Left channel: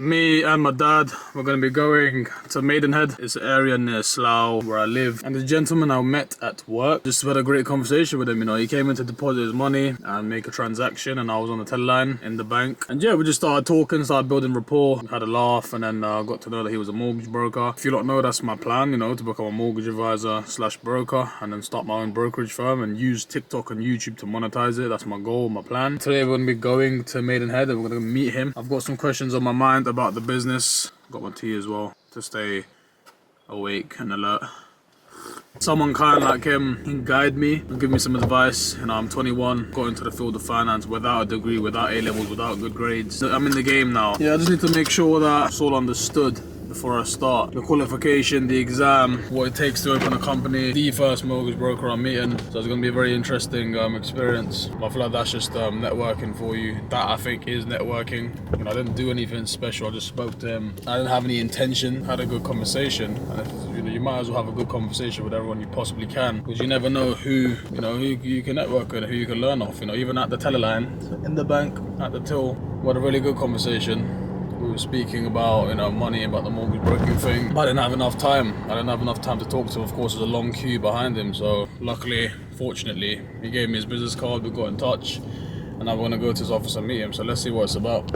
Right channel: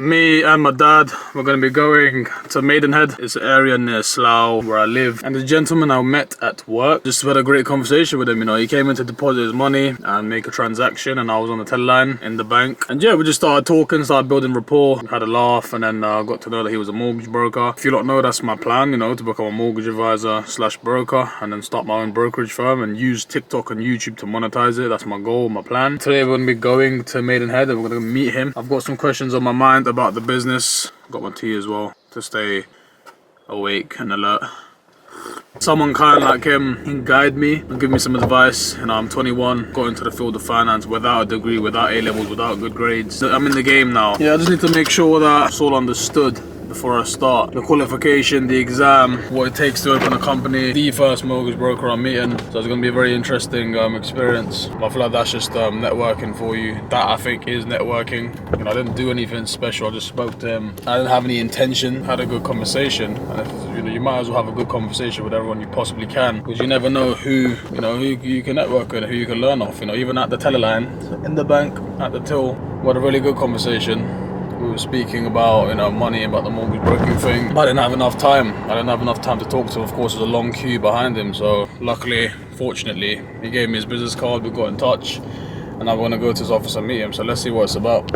Me and my dad, we're going to be going to Maidenhead. It's an area near Slough where I live. And the gentleman I met at work, just had a great conversation with him. You know, he came in to deposit his money and make a transaction, and I was on the teleline in the bank. And yeah, we just started talking, started building rapport, had a laugh, and then got to know that he was a mortgage broker. If you don't know, that's my plan, you know, to become a mortgage advisor / broker, and then start my own brokerage firm and use TikTok and YouTube to monetize it. That's my goal, my plan. Today we're going to be going to Maidenhead and we're going to meet him. I've got some questions on my mind about the business. Got my tea as well to stay awake and alert. Someone kind like him, he can guide me and give me some advice. You know, I'm 21, got into the field of finance without a degree, without A-levels, without good grades. I'm in the game now. Yeah, I just need to make sure that it's all understood before I start. The qualification, the exam, what it takes to open a company, the first mortgage broker I'm meeting. So it's going to be a very interesting experience. I feel like that's just networking for you. That I think is networking. You know, I didn't do anything special. I just spoke to him. I didn't have any intention. Had a good conversation. And if, you know, you might as well have a good conversation with everyone you possibly can, because you never know who you can network with, who you can learn off. You know, even at the teleline, in the bank, at the till, we had a really good conversation. We were speaking about, you know, money, about the mortgage broking thing. But I didn't have enough time. I didn't have enough time to talk to him. Of course, there's a long queue behind him. So luckily, fortunately, he gave me his business card. We got in touch. And I'm going to go to his office and meet him. So let's see what it's about.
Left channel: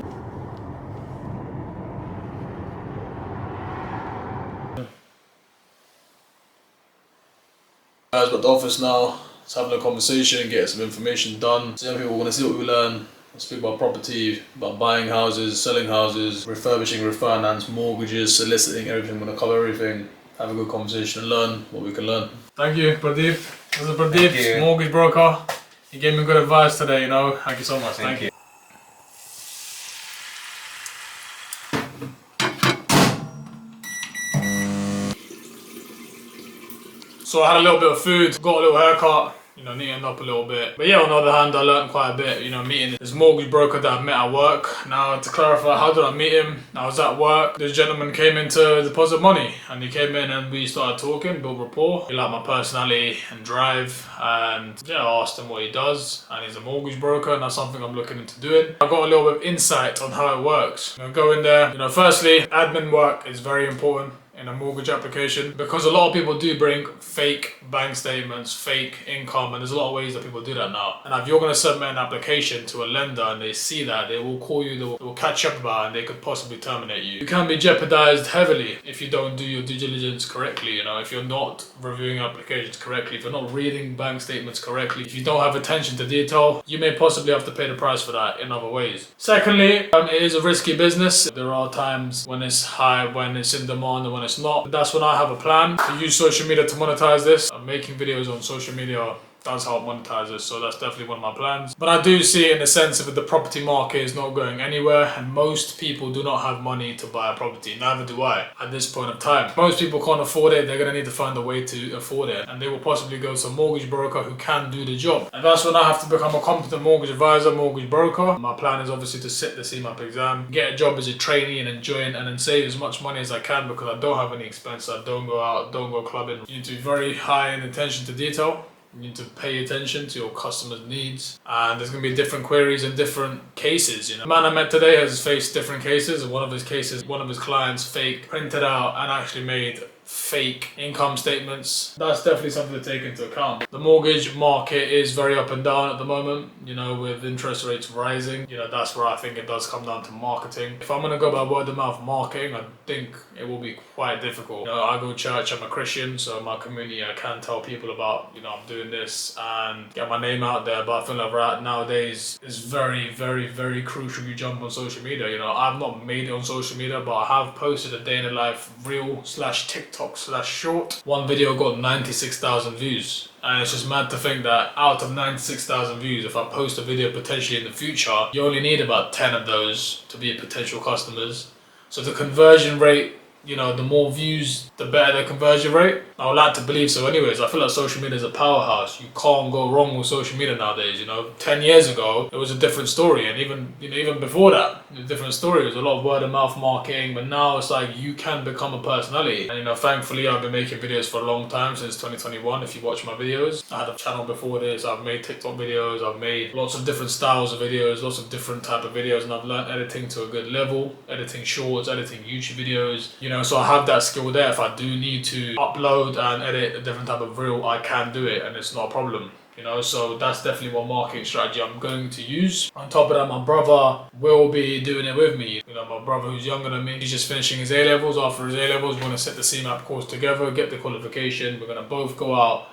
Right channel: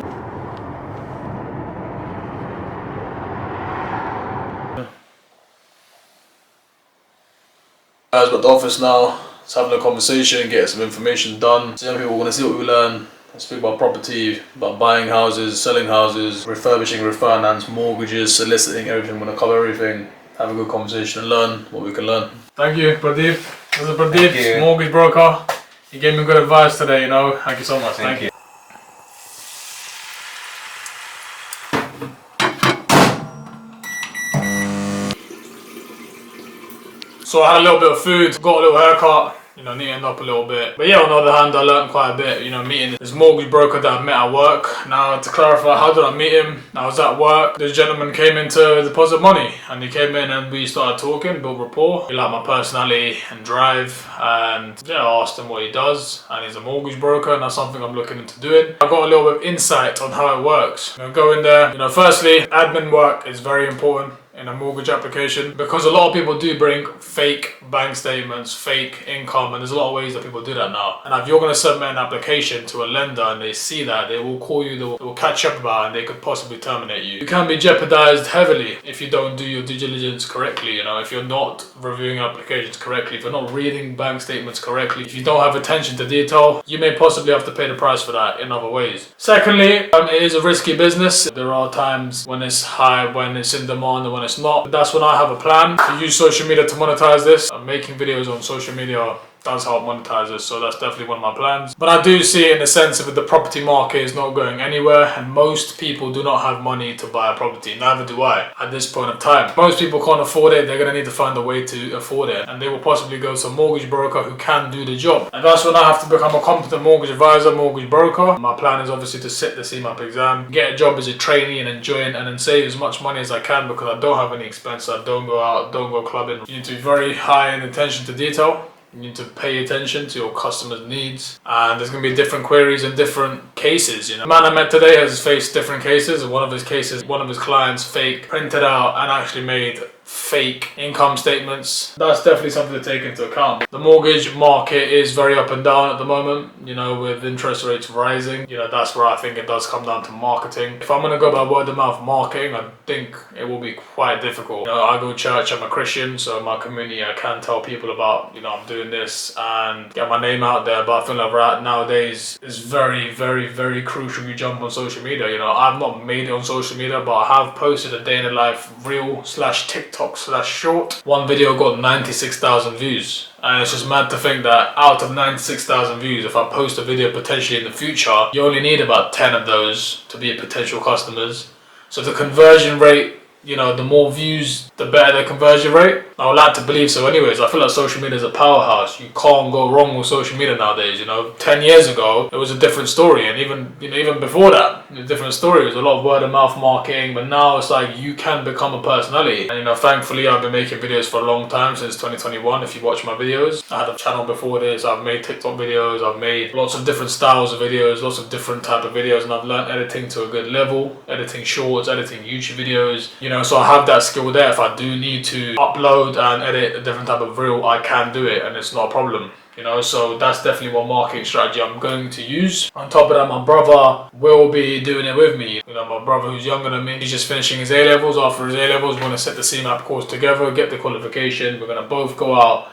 Guys, we're at the office now. Let's have a conversation, get some information done. So young people want to see what we learn. I speak about property, about buying houses, selling houses, refurbishing, refinance, mortgages, soliciting, everything. We're going to cover everything, have a good conversation and learn what we can learn. Thank you, Pradeep. This is Pradeep, mortgage broker. He gave me good advice today, you know. Thank you so much. Thank you. So I had a little bit of food, got a little haircut. You know, neatened up a little bit. But yeah, on the other hand, I learned quite a bit, you know, meeting this mortgage broker that I met at work. Now, to clarify, how did I meet him? I was at work. This gentleman came in to deposit money. And he came in and we started talking, built rapport. He liked my personality and drive. And yeah, I asked him what he does. And he's a mortgage broker, and that's something I'm looking into doing. I got a little bit of insight on how it works. You know, go in there. You know, firstly, admin work is very important in a mortgage application, because a lot of people do bring fake bank statements, fake income, and there's a lot of ways that people do that now. And if you're going to submit an application to a lender and they see that, they will call you, they will catch up about it, and they could possibly terminate you. You can be jeopardized heavily if you don't do your due diligence correctly. You know, if you're not reviewing applications correctly, if you're not reading bank statements correctly, if you don't have attention to detail, you may possibly have to pay the price for that in other ways. Secondly, it is a risky business. There are times when it's high, when it's in demand, and when it's not. That's when I have a plan to use social media to monetize this. I'm making videos on social media does help monetize this, so that's definitely one of my plans. But I do see it in the sense of the property market is not going anywhere, and most people do not have money to buy a property. Neither do I at this point of time. Most people can't afford it. They're going to need to find a way to afford it, and they will possibly go to a mortgage broker who can do the job. And that's when I have to become a competent mortgage advisor, mortgage broker. My plan is obviously to sit the CMAP exam, get a job as a trainee and enjoy it, and then save as much money as I can, because I don't have any expenses. I don't go out, don't go clubbing. You need to be very high in attention to detail. You need to pay attention to your customers' needs, and there's going to be different queries in different cases. You know, the man I met today has faced different cases, and one of his cases, one of his clients printed out and actually made fake income statements. That's definitely something to take into account. The mortgage market is very up and down at the moment, you know, with interest rates rising. You know, that's where I think it does come down to marketing. If I'm going to go by word of mouth marketing, I think it will be quite difficult. You know, I go to church, I'm a Christian, so in my community I can tell people about, you know, I'm doing this and get my name out there. But I feel like right nowadays it's very, very, very crucial you jump on social media. You know, I've not made it on social media, but I have posted a day in the life reel / TikTok / short. One video got 96,000 views, and it's just mad to think that out of 96,000 views, if I post a video potentially in the future, you only need about 10 of those to be potential customers. So the conversion rate you know, the more views, the better the conversion rate. I would like to believe so anyways. I feel like social media is a powerhouse. You can't go wrong with social media nowadays, you know. 10 years ago, it was a different story. And even, you know, even before that, it was a different story. It was a lot of word of mouth marketing. But now it's like you can become a personality. And, you know, thankfully, I've been making videos for a long time, since 2021. If you watch my videos, I had a channel before this. I've made TikTok videos. I've made lots of different styles of videos, lots of different type of videos. And I've learned editing to a good level, editing shorts, editing YouTube videos, you know, so I have that skill there. If I do need to upload and edit a different type of reel, I can do it and it's not a problem, you know. So that's definitely one marketing strategy I'm going to use. On top of that, my brother will be doing it with me. You know, my brother who's younger than me, he's just finishing his A-levels. After his A-levels, we're going to set the CMAP course together, get the qualification. We're going to both go out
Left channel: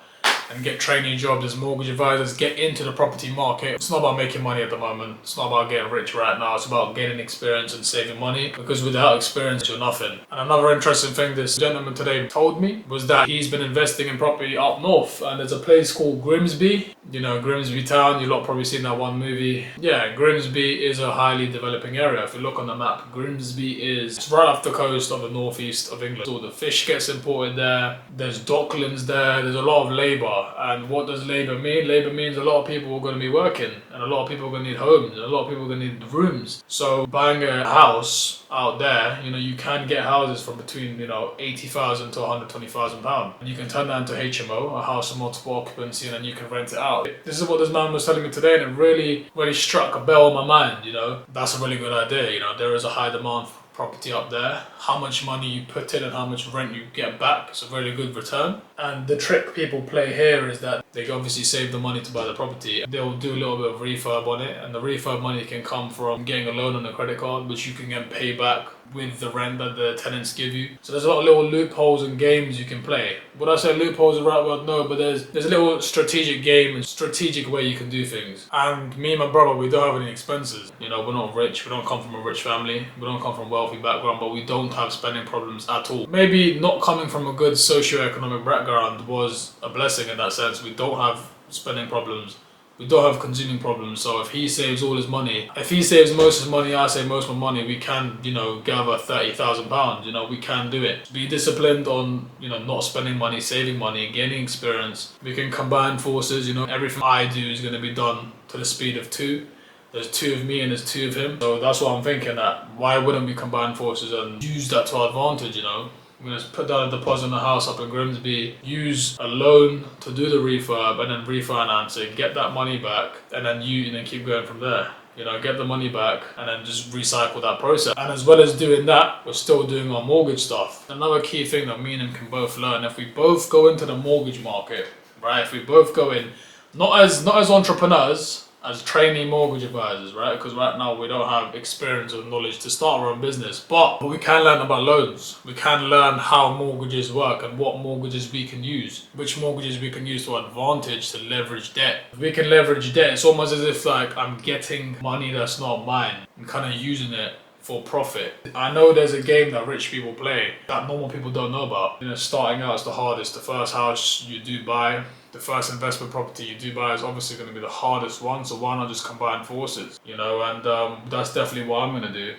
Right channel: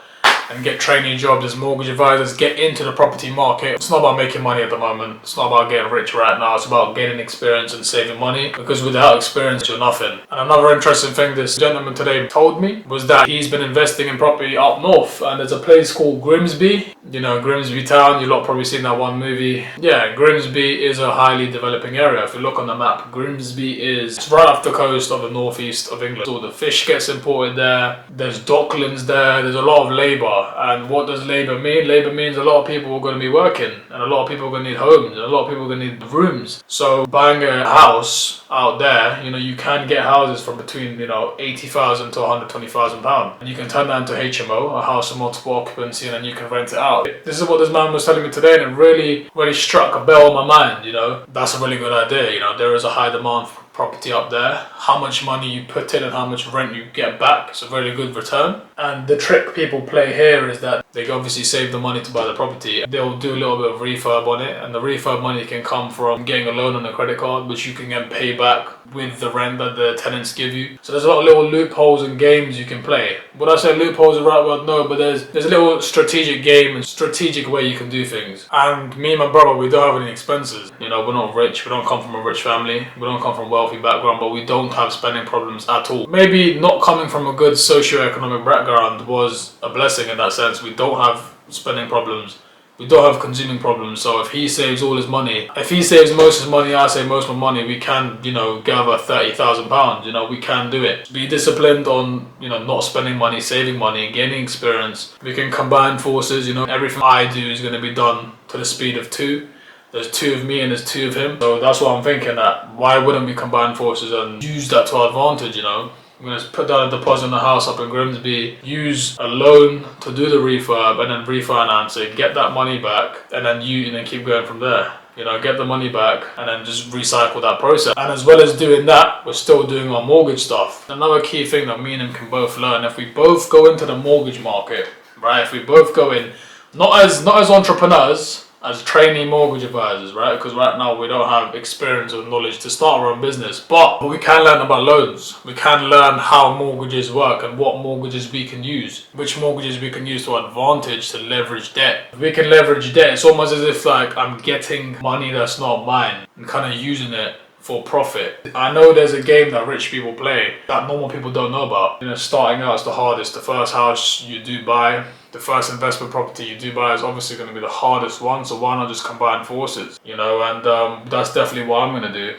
and get training jobs as mortgage advisors, get into the property market. It's not about making money at the moment. It's not about getting rich right now. It's about gaining experience and saving money, because without experience, you're nothing. And another interesting thing this gentleman today told me was that he's been investing in property up north, and there's a place called Grimsby. You know, Grimsby Town, you lot probably seen that one movie. Yeah, Grimsby is a highly developing area. If you look on the map, Grimsby is right off the coast of the northeast of England. So the fish gets imported there. There's docklands there. There's a lot of labour. And what does labour mean? Labour means a lot of people are going to be working, and a lot of people are going to need homes, and a lot of people are going to need rooms. So buying a house out there, you know, you can get houses from between, you know, 80,000 to 120,000 pounds, and you can turn that into HMO, a house of multiple occupancy, and then you can rent it out. This is what this man was telling me today, and it really struck a bell in my mind. You know, that's a really good idea. You know, there is a high demand for property up there. How much money you put in and how much rent you get back, it's a very good return. And the trick people play here is that they obviously save the money to buy the property. They'll do a little bit of refurb on it, and the refurb money can come from getting a loan on a credit card, which you can then pay back with the rent that the tenants give you. So there's a lot of little loopholes and games you can play. Would I say loopholes are the right word? No, but there's a little strategic game and strategic way you can do things. And me and my brother, we don't have any expenses. You know, we're not rich. We don't come from a rich family. We don't come from a wealthy background, but we don't have spending problems at all. Maybe not coming from a good socio-economic background was a blessing in that sense. We don't have spending problems. We don't have consuming problems. So if he saves all his money, if he saves most of his money, I save most of my money, we can, you know, gather £30,000. You know, we can do it. Be disciplined on, you know, not spending money, saving money, gaining experience. We can combine forces. You know, everything I do is going to be done to the speed of 2. There's 2 of me and there's 2 of him. So that's what I'm thinking, that why wouldn't we combine forces and use that to our advantage, you know? I'm going to put down a deposit on the house up in Grimsby, use a loan to do the refurb, and then refinance it, get that money back, and then keep going from there. You know, get the money back and then just recycle that process. And as well as doing that, we're still doing our mortgage stuff. Another key thing that me and him can both learn, if we both go into the mortgage market, right? If we both go in, not as entrepreneurs, as trainee mortgage advisors, right? Because right now we don't have experience or knowledge to start our own business, but we can learn about loans. We can learn how mortgages work and what mortgages we can use, which mortgages we can use to our advantage to leverage debt. If we can leverage debt, it's almost as if like I'm getting money that's not mine and kind of using it for profit. I know there's a game that rich people play that normal people don't know about. You know, starting out is the hardest. The first house you do buy, the first investment property you do buy is obviously going to be the hardest one, so why not just combine forces, you know? And that's definitely what I'm going to do.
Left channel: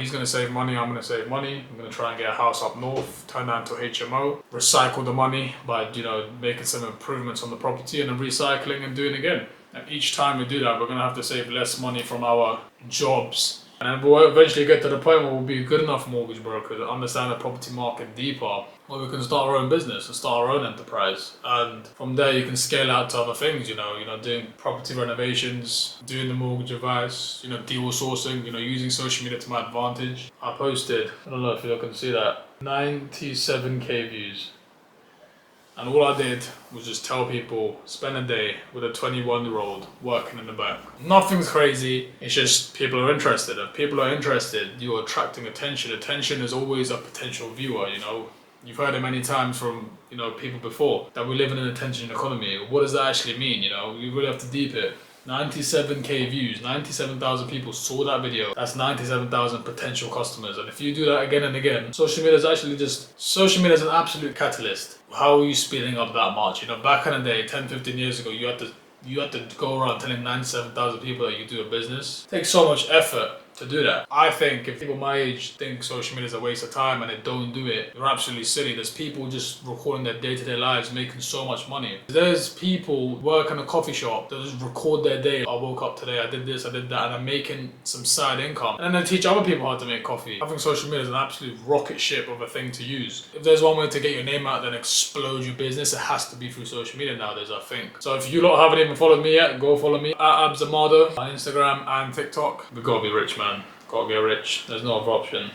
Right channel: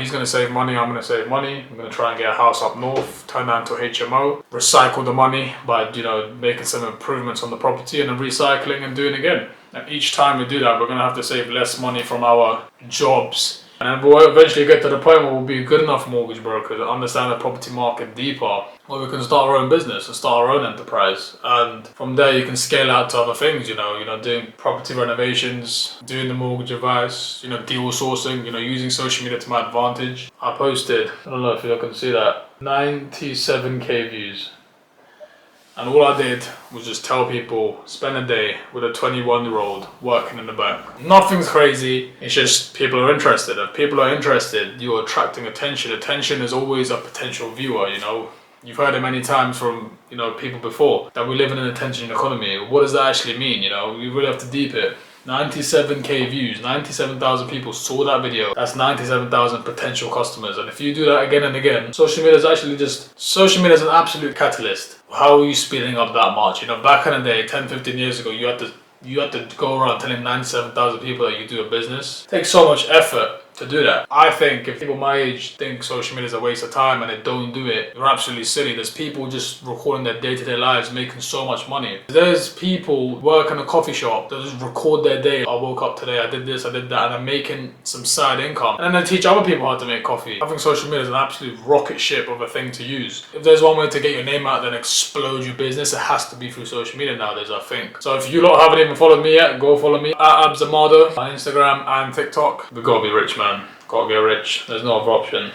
He's going to save money, I'm going to save money. I'm going to try and get a house up north, turn that into a HMO, recycle the money by, you know, making some improvements on the property and then recycling and doing it again. And each time we do that, we're going to have to save less money from our jobs. And then we'll eventually get to the point where we'll be good enough mortgage brokers to understand the property market deeper, where we can start our own business and start our own enterprise. And from there, you can scale out to other things, you know, doing property renovations, doing the mortgage advice, you know, deal sourcing, you know, using social media to my advantage. I posted, I don't know if you can see that, 97k views. And all I did was just tell people, spend a day with a 21-year-old working in the bank. Nothing's crazy, it's just people are interested. If people are interested, you're attracting attention. Attention is always a potential viewer, you know. You've heard it many times from, you know, people before, that we live in an attention economy. What does that actually mean, you know? We really have to deep it. 97k views, 97,000 people saw that video. That's 97,000 potential customers. And if you do that again and again, social media is an absolute catalyst. How are you speeding up that much? You know, back in the day, 10, 15 years ago, you had to go around telling 97,000 people that you do a business. It takes so much effort to do that. I think if people my age think social media is a waste of time and they don't do it, they're absolutely silly. There's people just recording their day-to-day lives making so much money. There's people work in a coffee shop that just record their day. I woke up today, I did this, I did that, and I'm making some side income. And then they teach other people how to make coffee. I think social media is an absolute rocket ship of a thing to use. If there's one way to get your name out there and explode your business, it has to be through social media nowadays, I think. So if you lot haven't even followed me yet, go follow me at Abzamado on Instagram and TikTok. We gotta be rich, man. Gotta get rich. There's no other option.